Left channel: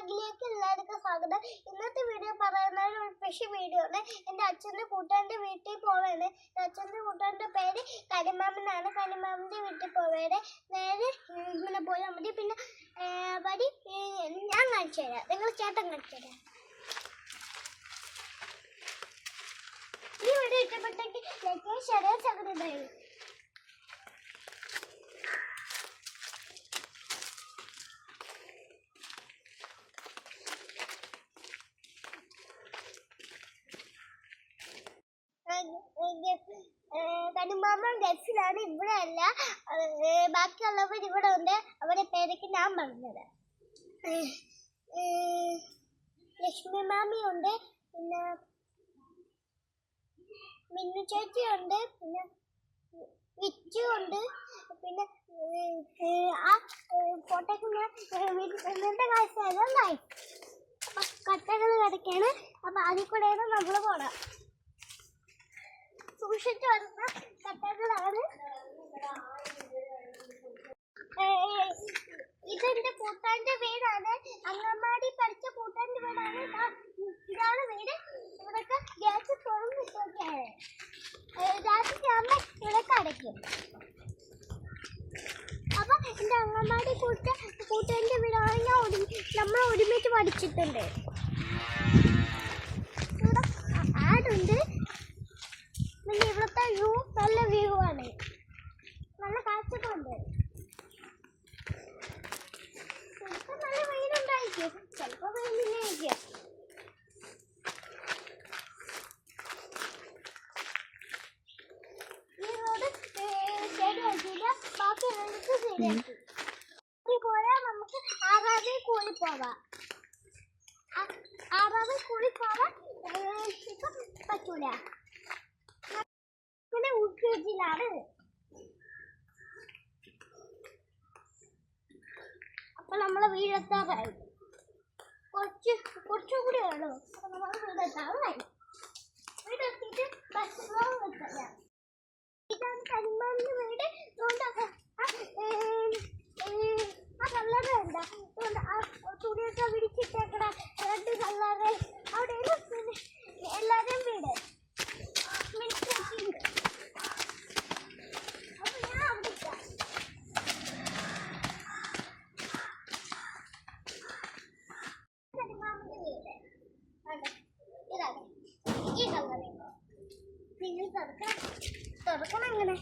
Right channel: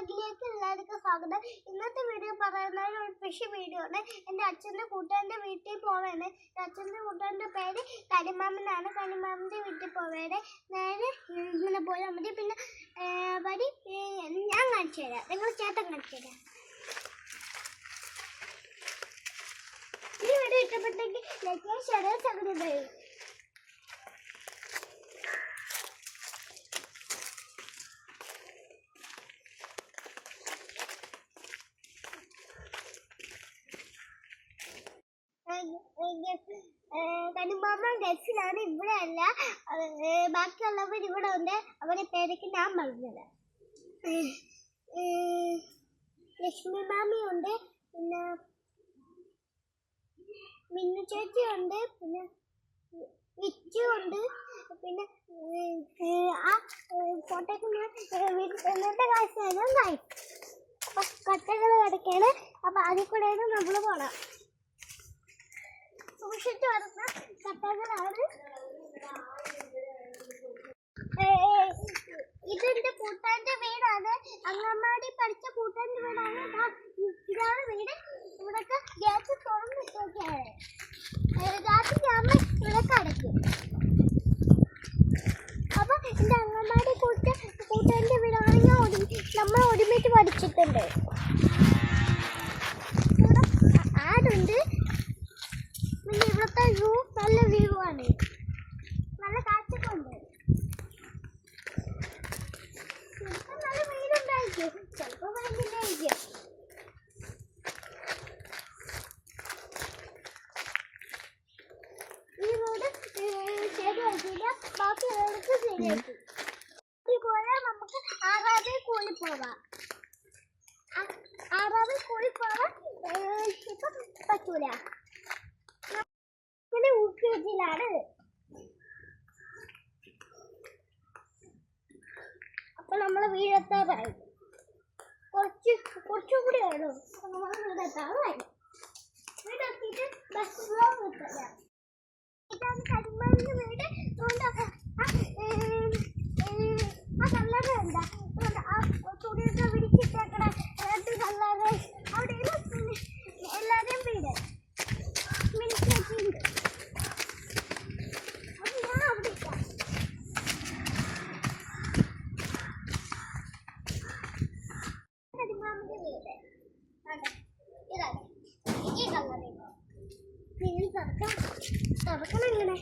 വ്ളോഗിലേക്ക് എല്ലാവർക്കും സ്വാഗതം. ഇന്നത്തെ വീഡിയോ പറയുന്നത് ഒരു സ്പെഷ്യൽ വീഡിയോ ആണ്. എൻ്റെ അച്ഛൻ്റെ കൂട്ടുകാരൻ്റെ വീട്ടിൽ പോവാണ്. അച്ഛൻ്റെ കൂട്ടുകാരൻ്റെ പേര് കനിമാമനാണ്. കനിമാമൻ്റെ വീട്ടിൽ പോവേടെ നേരെ ഇങ്ങനെ പോയാൽ മതി. പിന്നെ വഴി ഞാൻ കാണിച്ചു തരാം, നിങ്ങൾ ചേട്ടൻ കാണിച്ചു തരാം. ഈ വീഡിയോ ഇഷ്ടപ്പെട്ടെങ്കിൽ ലൈക്ക് ഷെയർ സബ്സ്ക്രൈബ് ചെയ്യും. കനിമാമൻ ഗൾഫിലാണ്, ഇവിടെ അല്ല. ബാക്കിയുള്ളവർ ഇവിടെ ഉണ്ട്. അവരുടെ പേരൊക്കെ ഞാൻ പറഞ്ഞത്. ലക്ഷ്മി മാമിയുണ്ട്, പിന്നെ മിന്നു ചേച്ചിയുണ്ട്, പിന്നെ വിച്ചു ഉണ്ട്. പിന്നെ ആ ഫോട്ടോക്ക് എന്നിട്ട് കാഴ്ചയെല്ലാം കായി. അപ്പം കട്ടകൾ കിടക്കാണ്. അപ്പം അതിൽ കൂടെയാണ് നമ്മൾ പോകണം. സൂക്ഷിച്ചു വരുന്ന കട്ടകളാണ്. ഇതെന്റെ കൂട്ടാന്റെ വീടാണ്. അങ്കമാടി പഠിച്ച കൂട്ടാന്റെ വീടാണ്. ഇതാണ് വീട്. ഇവിടൊക്കെ ഗ്യാസ് തുറന്നിട്ടൊക്കെയാണ്. രാത്രി ആകുമ്പോൾ ഇവിടൊക്കെ അടയ്ക്കും. അപ്പൊ എന്റെ അങ്കമാടി കൂട്ടാന്റെ വീടാണ്. നമ്മൾ ഒരുമിച്ച് പഠിച്ചിട്ടുണ്ട്. ഇവിടെ ആടുണ്ട്. പിന്നെ ഇവിടുത്തെ വ്യൂ നല്ല വ്യൂ ആണ്. നല്ല കാഴ്ചയൊക്കെ ഉണ്ട്. ചിലപ്പോൾ നല്ല വെയിലുണ്ടായിരിക്കും, ചിലപ്പോൾ വെയിലില്ലായിരിക്കും. ഈ റോഡ് ശരിയാക്കില്ല, ബാക്കി റോഡൊക്കെ ശരിയാക്കി. കൂടെ നമുക്ക് ആറാവിൽ കൂടി പോവാം. ആറാവിൽ കൂടി പോവാൻ ഇപ്പം പറ്റൂല. ാണ് അപ്പൊ നമ്മളെ വീടെത്താറായി. കുറച്ചുകൂടി വേണോ? അപ്പൊ നമ്മൾ വീടെത്താറായി. വീടെത്തിയിട്ട് ബസ് എത്തില്ല. ഇതാണ് കനിമാമന്റെ വീട്. ആ കല്ലറ എന്താ തുണിയൊക്കെ വിരിച്ചിട്ടേക്കട രണ്ട് കല്ലറ അവിടെയാണ് എല്ലാവരുടെയും വീട്. തുറക്കണം ഇങ്ങനെ.